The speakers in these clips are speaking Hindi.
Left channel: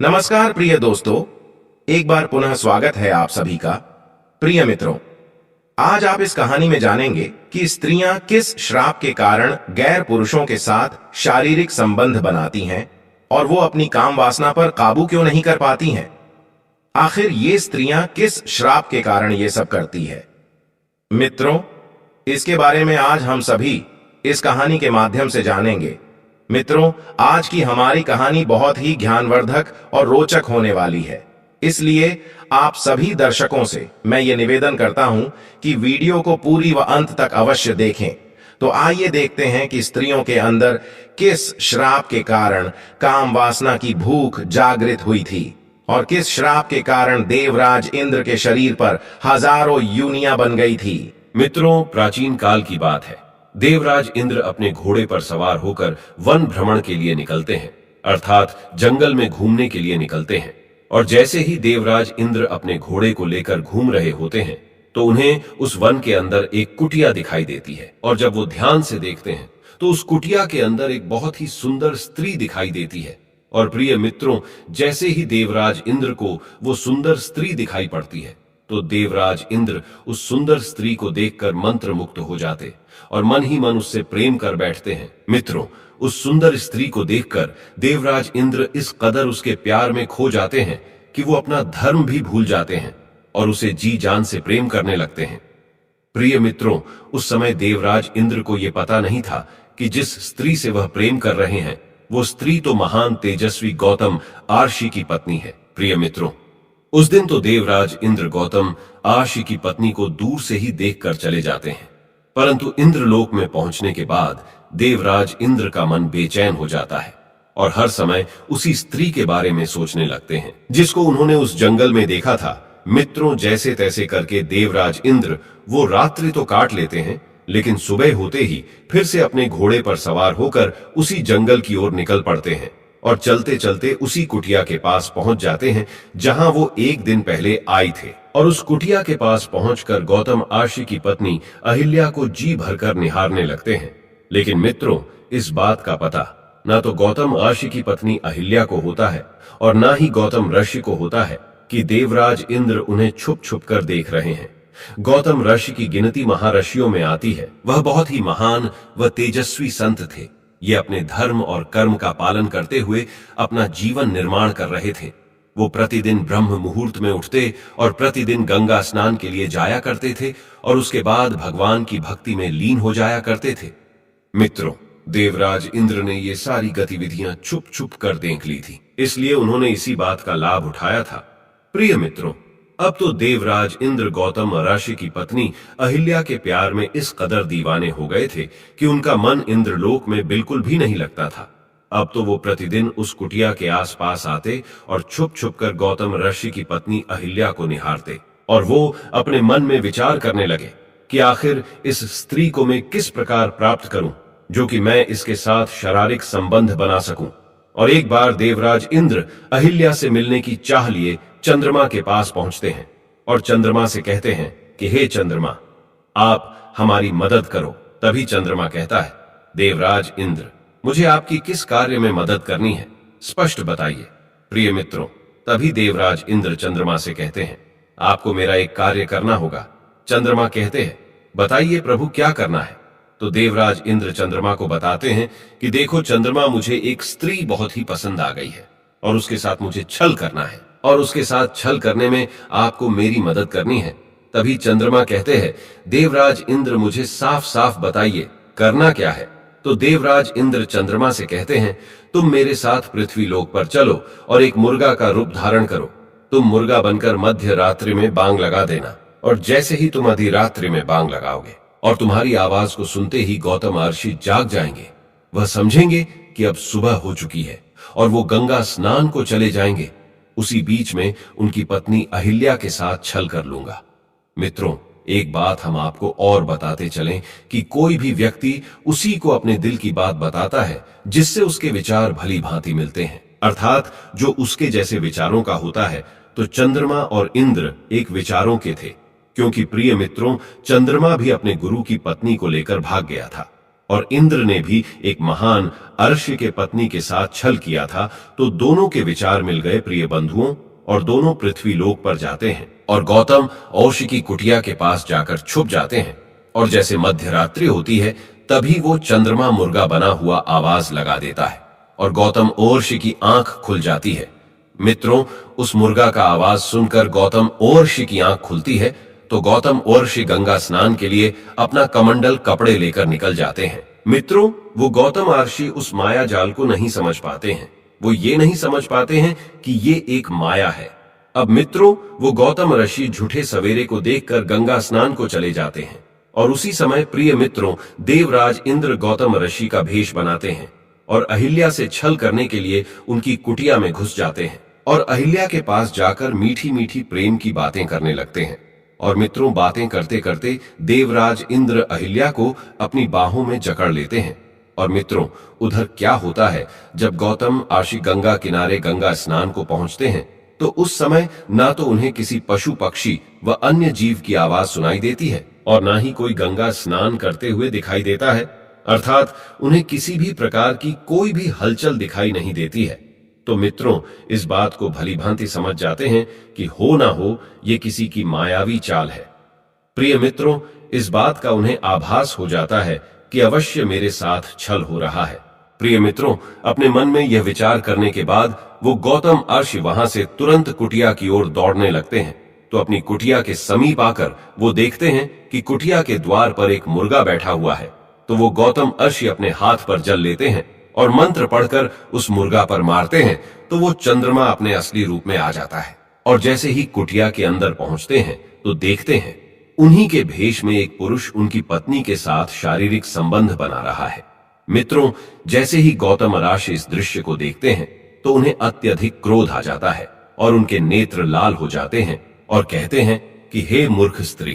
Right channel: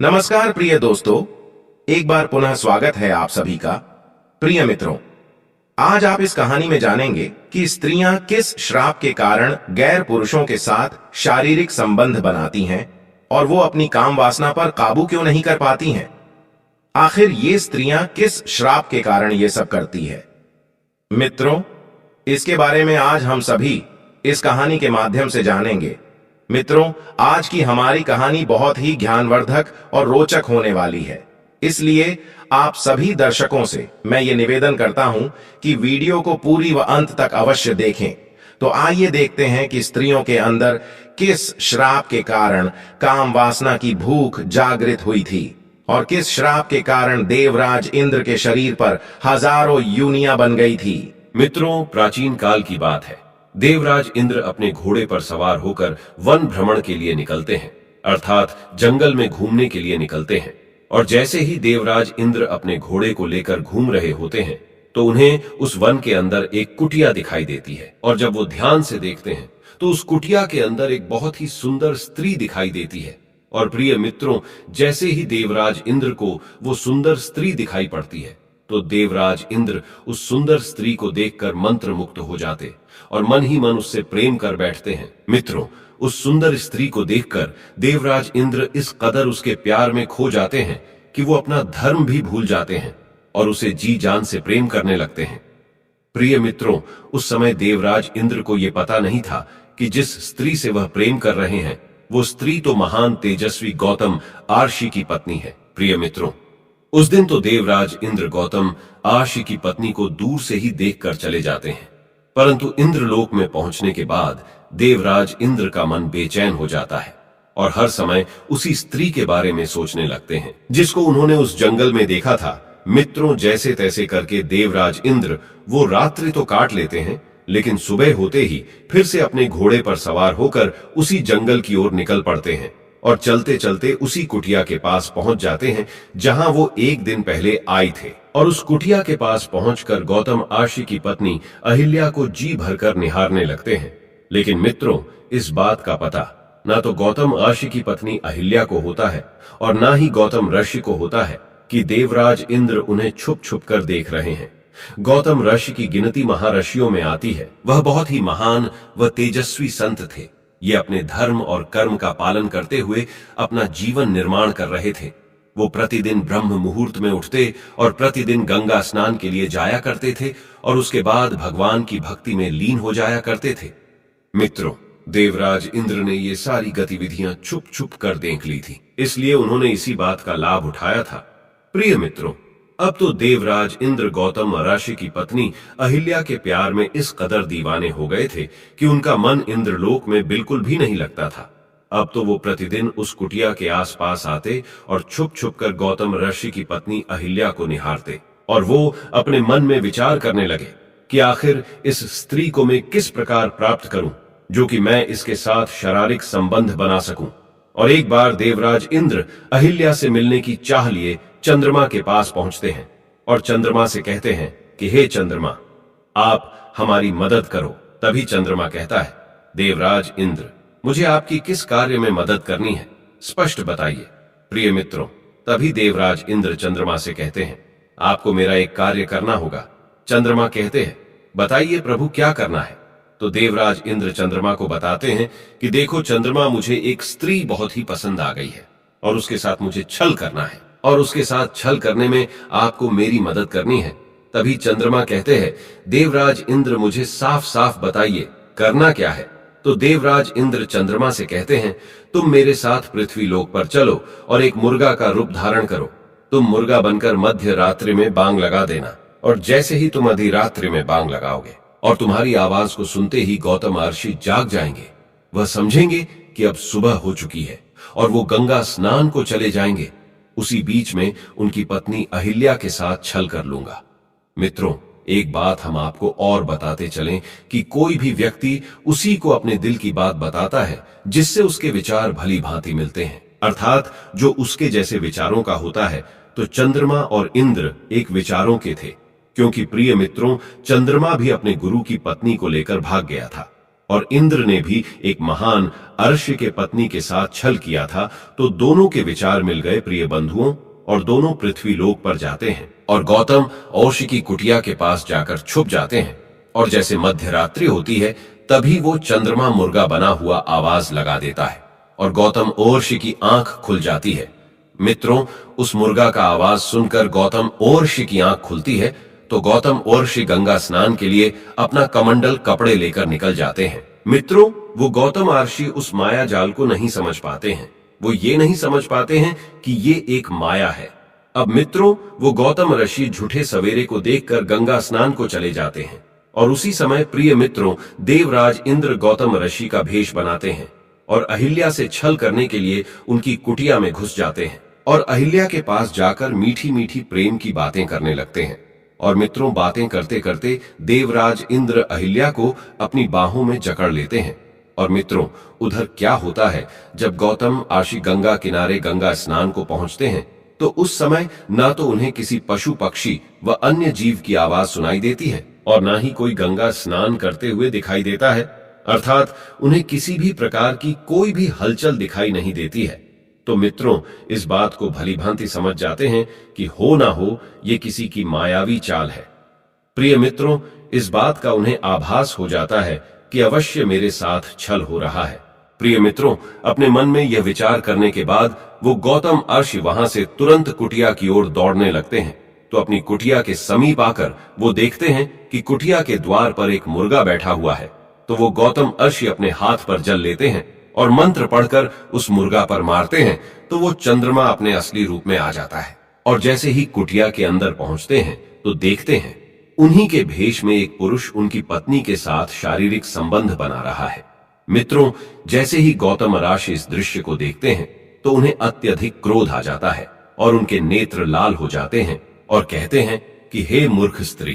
नमस्कार प्रिय दोस्तों, एक बार पुनः स्वागत है आप सभी का। प्रिय मित्रों, आज आप इस कहानी में जानेंगे कि स्त्रियां किस श्राप के कारण गैर पुरुषों के साथ शारीरिक संबंध बनाती हैं और वो अपनी काम वासना पर काबू क्यों नहीं कर पाती हैं। आखिर ये स्त्रियां किस श्राप के कारण ये सब करती है। मित्रों, इसके बारे में आज हम सभी इस कहानी के माध्यम से जानेंगे। मित्रों, आज की हमारी कहानी बहुत ही ज्ञानवर्धक और रोचक होने वाली है, इसलिए आप सभी दर्शकों से मैं ये निवेदन करता हूं कि वीडियो को पूरी व अंत तक अवश्य देखें। तो आइए देखते हैं कि स्त्रियों के अंदर किस श्राप के कारण काम वासना की भूख जागृत हुई थी और किस श्राप के कारण देवराज इंद्र के शरीर पर हजारों यूनियां बन गई थी। मित्रों, प्राचीन काल की बात है। देवराज इंद्र अपने घोड़े पर सवार होकर वन भ्रमण के लिए निकलते हैं, अर्थात जंगल में घूमने के लिए निकलते हैं। और जैसे ही देवराज इंद्र अपने घोड़े को लेकर घूम रहे होते हैं तो उन्हें उस वन के अंदर एक कुटिया दिखाई देती है। और जब वो ध्यान से देखते हैं तो उस कुटिया के अंदर एक बहुत ही सुंदर स्त्री दिखाई देती है। और प्रिय मित्रों, जैसे ही देवराज इंद्र को वो सुंदर स्त्री दिखाई पड़ती है तो देवराज इंद्र उस सुंदर स्त्री को देखकर मंत्र मुक्त हो जाते और मन ही मन उससे प्रेम कर बैठते हैं। मित्रों, उस सुंदर स्त्री को देखकर देवराज इंद्र इस कदर उसके प्यार में खो जाते हैं कि वो अपना धर्म भी भूल जाते हैं और उसे जी जान से प्रेम करने लगते हैं। प्रिय मित्रों, उस समय देवराज इंद्र को यह पता नहीं था कि जिस स्त्री से वह प्रेम कर रहे हैं वो स्त्री तो महान तेजस्वी गौतम आर्षि की पत्नी है। प्रिय मित्रों, उस दिन तो देवराज इंद्र गौतम आर्षि की पत्नी को दूर से ही देखकर चले जाते हैं, परंतु इंद्रलोक में पहुंचने के बाद देवराज इंद्र का मन बेचैन हो जाता है और हर समय उसी स्त्री के बारे में सोचने लगते हैं जिसको उन्होंने उस जंगल में देखा था। मित्रों, जैसे तैसे करके देवराज इंद्र वो रात्रि तो काट लेते हैं, लेकिन सुबह होते ही फिर से अपने घोड़े पर सवार होकर उसी जंगल की ओर निकल पड़ते हैं और चलते चलते उसी कुटिया के पास पहुंच जाते हैं जहां वो एक दिन पहले आए थे। और उस कुटिया के पास पहुंचकर गौतम आर्षि की पत्नी अहिल्या को जी भरकर निहारने लगते हैं। लेकिन मित्रों, इस बात का पता ना तो गौतम आर्षि की पत्नी अहिल्या को होता है और ना ही गौतम ऋषि को होता है कि देवराज इंद्र उन्हें छुप छुप कर देख रहे हैं। गौतम ऋषि की गिनती महारषियों में आती है। वह बहुत ही महान व तेजस्वी संत थे। ये अपने धर्म और कर्म का पालन करते हुए अपना जीवन निर्माण कर रहे थे। वो प्रतिदिन ब्रह्म मुहूर्त में उठते और प्रतिदिन गंगा स्नान के लिए जाया करते थे और उसके बाद भगवान की भक्ति में लीन हो जाया करते थे। मित्रों, देवराज इंद्र ने ये सारी गतिविधियां छुप छुप कर देख ली थी, इसलिए उन्होंने इसी बात का लाभ उठाया था। प्रिय मित्रों, अब तो देवराज इंद्र गौतम ऋषि की पत्नी अहिल्या के प्यार में इस कदर दीवाने हो गए थे कि उनका मन इंद्रलोक में बिल्कुल भी नहीं लगता था। अब तो वो प्रतिदिन उस कुटिया के आसपास आते और छुप छुप कर गौतम ऋषि की पत्नी अहिल्या को निहारते और वो अपने मन में विचार करने लगे कि आखिर इस स्त्री को मैं किस प्रकार प्राप्त करूं जो कि मैं इसके साथ शारीरिक संबंध बना सकूं। और एक बार देवराज इंद्र अहिल्या से मिलने की चाह लिए चंद्रमा के पास पहुंचते हैं और चंद्रमा से कहते हैं कि हे चंद्रमा, आप हमारी मदद करो। तभी चंद्रमा कहता है, देवराज इंद्र, मुझे आपकी किस कार्य में मदद करनी है, स्पष्ट बताइए। प्रिय मित्रों, तभी देवराज इंद्र चंद्रमा से कहते हैं, आपको मेरा एक कार्य करना होगा। चंद्रमा कहते हैं, बताइए प्रभु, क्या करना है। तो देवराज इंद्र चंद्रमा को बताते हैं कि देखो चंद्रमा, मुझे एक स्त्री बहुत ही पसंद आ गई है और उसके साथ मुझे छल करना है और उसके साथ छल करने में आपको मेरी मदद करनी है। तभी चंद्रमा कहते हैं, देवराज इंद्र, मुझे साफ साफ बताइए करना क्या है। तो देवराज इंद्र चंद्रमा से कहते हैं, तुम मेरे साथ पृथ्वी लोक पर चलो और एक मुर्गा का रूप धारण करो। तुम मुर्गा बनकर मध्य रात्रि में बांग लगा देना और जैसे ही तुम आधी रात्रि में बांग लगाओगे और तुम्हारी आवाज को सुनते ही गौतम आर्षि जाग जाएंगे। वह समझेंगे कि अब सुबह हो चुकी है और वो गंगा स्नान को चले जाएंगे। उसी बीच में उनकी पत्नी अहिल्या के साथ छल कर लूंगा। मित्रों, एक बात हम आपको और बताते चलें कि कोई भी व्यक्ति उसी को अपने दिल की बात बताता है जिससे उसके विचार भली भांति मिलते हैं, अर्थात जो उसके जैसे विचारों का होता है। तो चंद्रमा और इंद्र एक विचारों के थे, क्योंकि प्रिय मित्रों, चंद्रमा भी अपने गुरु की पत्नी को लेकर भाग गया था। और इंद्र ने भी एक महान अर्ष्य के पत्नी के साथ छल किया था, तो दोनों के विचार मिल गए प्रिय बंधुओं, और दोनों पृथ्वी लोक पर जाते हैं और गौतम और्ष की कुटिया के पास जाकर छुप जाते हैं। और जैसे मध्य रात्रि होती है तभी वो चंद्रमा मुर्गा बना हुआ आवाज लगा देता है और गौतम और्ष की आंख खुल जाती है। मित्रों, उस मुर्गा का आवाज सुनकर गौतम और्ष की आंख खुलती है तो गौतम और्ष गंगा स्नान के लिए अपना कमंडल कपड़े लेकर निकल जाते हैं। मित्रों, वो गौतम आर्षि उस माया जाल को नहीं समझ पाते हैं। वो ये नहीं समझ पाते हैं कि ये एक माया है। अब मित्रों, वो गौतम ऋषि झूठे सवेरे को देखकर गंगा स्नान को चले जाते हैं और उसी समय प्रिय मित्रों देवराज इंद्र गौतम ऋषि का भेष बनाते हैं और अहिल्या से छल करने के लिए उनकी कुटिया में घुस जाते हैं और अहिल्या के पास जाकर मीठी मीठी प्रेम की बातें करने लगते हैं। और मित्रों, बातें करते करते देवराज इंद्र अहिल्या को अपनी बाहों में जकड़ लेते हैं। और मित्रों, उधर क्या होता है, जब गौतम आर्षि गंगा किनारे गंगा स्नान को पहुंचते हैं तो उस समय ना तो उन्हें किसी पशु पक्षी व अन्य जीव की आवाज सुनाई देती है और ना ही कोई गंगा स्नान करते हुए दिखाई देता है, अर्थात उन्हें किसी भी प्रकार की कोई भी हलचल दिखाई नहीं देती है। तो मित्रों, इस बात को भली भांति समझ जाते हैं कि हो ना हो ये किसी की मायावी चाल है। प्रिय मित्रों, इस बात का उन्हें आभास हो जाता है कि अवश्य मेरे साथ छल हो रहा है। प्रिय मित्रों, अपने मन में यह विचार करने के बाद वो गौतम अर्षि वहां से तुरंत कुटिया की ओर दौड़ने लगते हैं। तो अपनी कुटिया के समीप आकर वो देखते हैं कि कुटिया के द्वार पर एक मुर्गा बैठा हुआ है। तो वो गौतम अर्षि अपने हाथ पर जल लेते हैं और मंत्र पढ़कर उस मुर्गा पर मारते हैं तो वो चंद्रमा अपने असली रूप में आ जाता है। और जैसे ही कुटिया के अंदर पहुंचते हैं तो देखते हैं उन्हीं के भेष में एक पुरुष उनकी पत्नी के साथ शारीरिक संबंध बना रहा है। मित्रों, जैसे ही गौतम ऋषि इस दृश्य को देखते हैं तो उन्हें अत्यधिक क्रोध आ जाता है और उनके नेत्र लाल हो जाते हैं और कहते हैं कि हे मूर्ख स्त्री,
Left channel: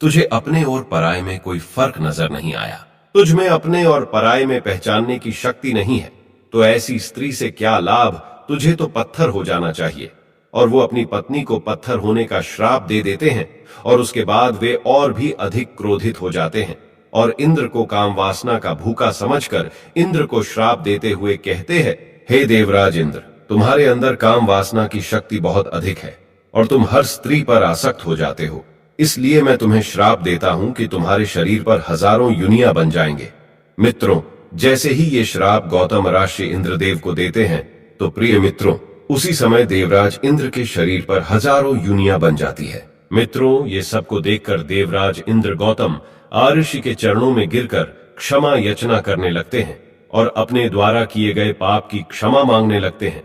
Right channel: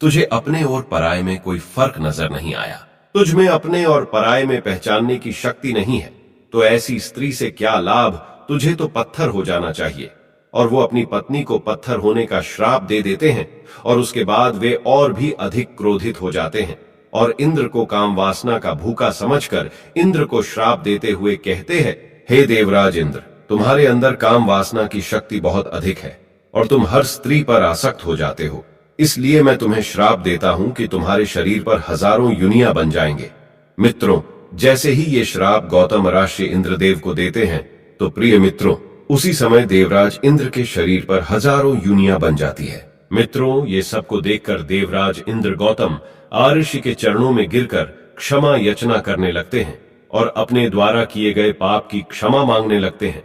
तुझे अपने और पराये में कोई फर्क नजर नहीं आया। तुझ में अपने और पराये में पहचानने की शक्ति नहीं है, तो ऐसी स्त्री से क्या लाभ, तुझे तो पत्थर हो जाना चाहिए। और वो अपनी पत्नी को पत्थर होने का श्राप दे देते हैं और उसके बाद वे और भी अधिक क्रोधित हो जाते हैं और इंद्र को काम वासना का भूखा समझकर इंद्र को श्राप देते हुए कहते हैं, हे देवराज इंद्र, तुम्हारे अंदर काम वासना की शक्ति बहुत अधिक है और तुम हर स्त्री पर आसक्त हो जाते हो। इसलिए मैं तुम्हें श्राप देता हूं कि तुम्हारे शरीर पर हजारों युनियां बन जाएंगे। मित्रों, जैसे ही ये श्राप गौतम ऋषि इंद्रदेव को देते हैं तो प्रिय मित्रों उसी समय देवराज इंद्र के शरीर पर हजारों युनियां बन जाती है। मित्रों, ये सबको देखकर देवराज इंद्र गौतम ऋषि के चरणों में गिरकर क्षमा याचना करने लगते हैं और अपने द्वारा किए गए पाप की क्षमा मांगने लगते हैं।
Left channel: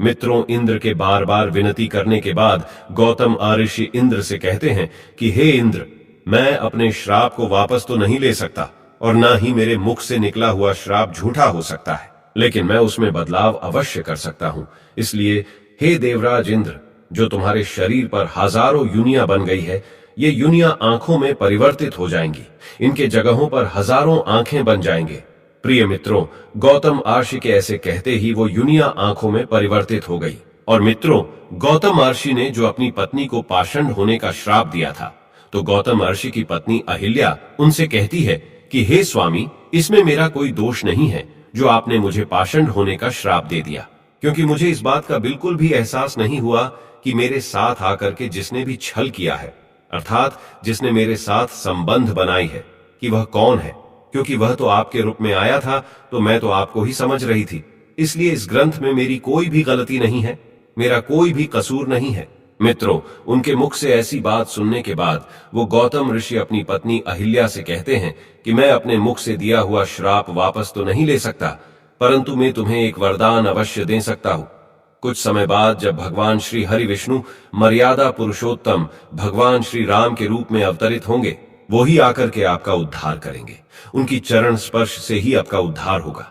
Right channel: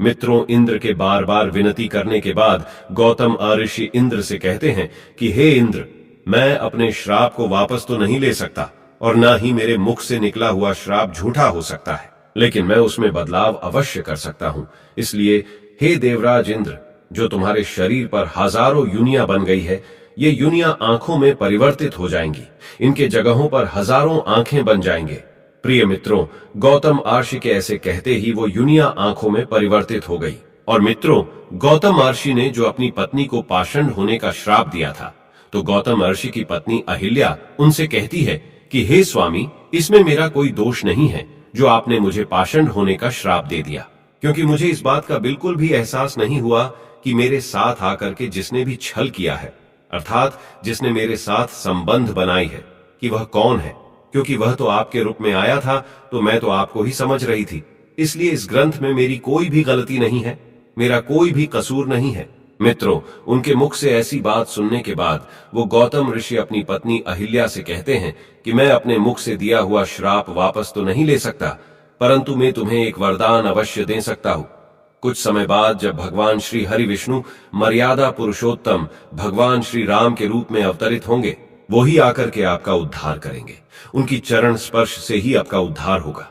मित्रों, इंद्र के बार बार विनती करने के बाद गौतम ऋषि इंद्र से कहते हैं कि हे इंद्र, मैं अपने श्राप को वापस तो नहीं ले सकता और ना ही मेरे मुख से निकला हुआ श्राप झूठा हो सकता है, लेकिन मैं उसमें बदलाव अवश्य कर सकता हूं। इसलिए हे देवराज इंद्र, जो तुम्हारे शरीर पर हजारों युनियां बन गई है, ये युनियां आंखों में परिवर्तित हो जाएंगी। इनके जगहों पर हजारों आंखें बन जाएंगे। प्रिय मित्रों, गौतम ऋषि के ऐसे कहते ही वो युनियां आंखों में परिवर्तित हो गई। और मित्रों, गौतम ऋषि ने जो अपनी पत्नी को पाषंड होने का श्राप दिया था, तो गौतम ऋषि की पत्नी अहिल्या उनसे कहती है कि हे स्वामी, इसमें मेरा कोई दोष नहीं है जो आपने मुझे पाषंड होने का श्राप दे दिया, क्योंकि मुझे इस बात का बिल्कुल भी एहसास नहीं हुआ कि मेरे साथ आकर के जिसने भी छल किया है, अर्थात जिसने मेरे साथ संबंध बनाई है, कि वह कौन है, क्योंकि वह तो आपके रूप में आया था तो मैं तो आपको ही समझ रही थी। इसलिए इस ग्रंथ में मेरी कोई भी गलती नहीं है, मेरा कोई भी कसूर नहीं है। मित्रों, उनके मुख से ऐसी बात सुनने के बाद वो गौतम ऋषि अपनी पत्नी अहिल्या से कहते हैं कि मैं अपने मुख से दिया हुआ श्राप वापस तो नहीं ले सकता, परंतु मैं तुम्हें एक वरदान अवश्य दे सकता हूं। कुछ समय बाद जब भगवान श्री हरि विष्णु मर्यादा पुरुषोत्तम भगवान श्री राम के रूप में अवतरित होंगे, वो ही आकर के आपका उद्धार करेंगे। उनकी चरण स्पर्श से ही आपका उद्धार होगा।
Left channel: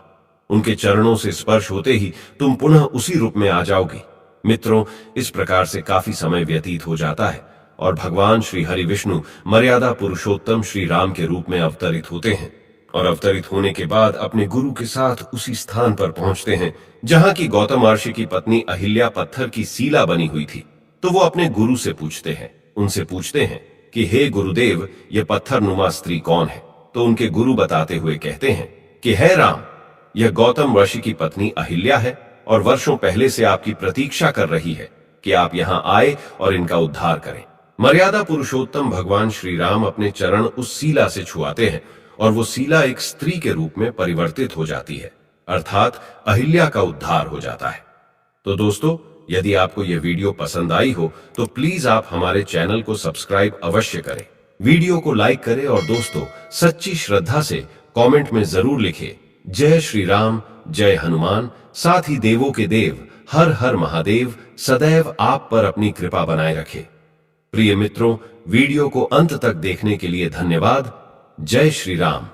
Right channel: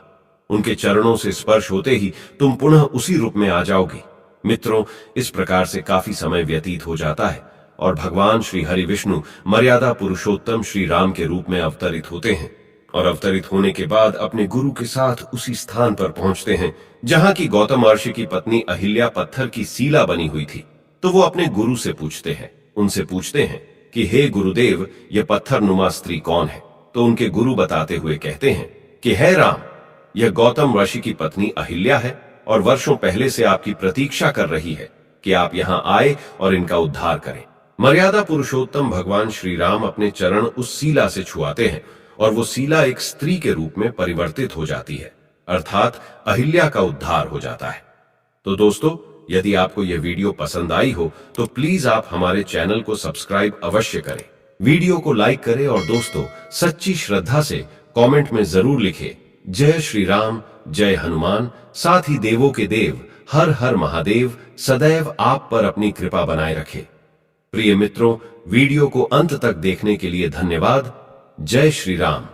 उनके चरणों से स्पर्श होते ही तुम पुनः उसी रूप में आ जाओगी। मित्रों, इस प्रकार से काफी समय व्यतीत हो जाता है और भगवान श्री हरि विष्णु मर्यादा पुरुषोत्तम श्री राम के रूप में अवतरित होते हैं और अवतरित होने के बाद अपने गुरु के साथ उसी स्थान पर पहुंचते हैं जहां की गौतम ऋषि की पत्नी अहिल्या पत्थर की सीला बनी हुई थी। तो वो अपने गुरु से पूछते हैं, उनसे पूछते हैं कि हे गुरुदेव, ये पत्थर नुमा स्त्री कौन है तो उनके गुरु बताते हुए कहते हैं कि हे राम, यह गौतम ऋषि की पत्नी अहिल्या है और वर्षों पहले से आपकी प्रतीक्षा कर रही है कि आप यहां आए और इनका उद्धार करें। मर्यादा पुरुषोत्तम भगवान श्री राम अपने चरण उस सीला से छुआते हैं और वो सीला एक स्त्री के रूप में परिवर्तित हो जाती है, अर्थात अहिल्या का उद्धार हो जाता है। तो दोस्तों, यदि आपको यह वीडियो पसंद आई हो तो प्लीज आप हमारे चैनल को सब्सक्राइब अवश्य करें, वीडियो को लाइक करें और दोस्तों सच्ची श्रद्धा से कमेंट में जरूर लिखें जय श्री राम, जय हनुमान। साथ ही देवों के देव हर हर महादेव सदैव आप पर अपनी कृपा बनाए रखे। प्रिय मित्रों, वीडियो को अंत तक देखने के लिए धन्यवाद। जय श्री राम।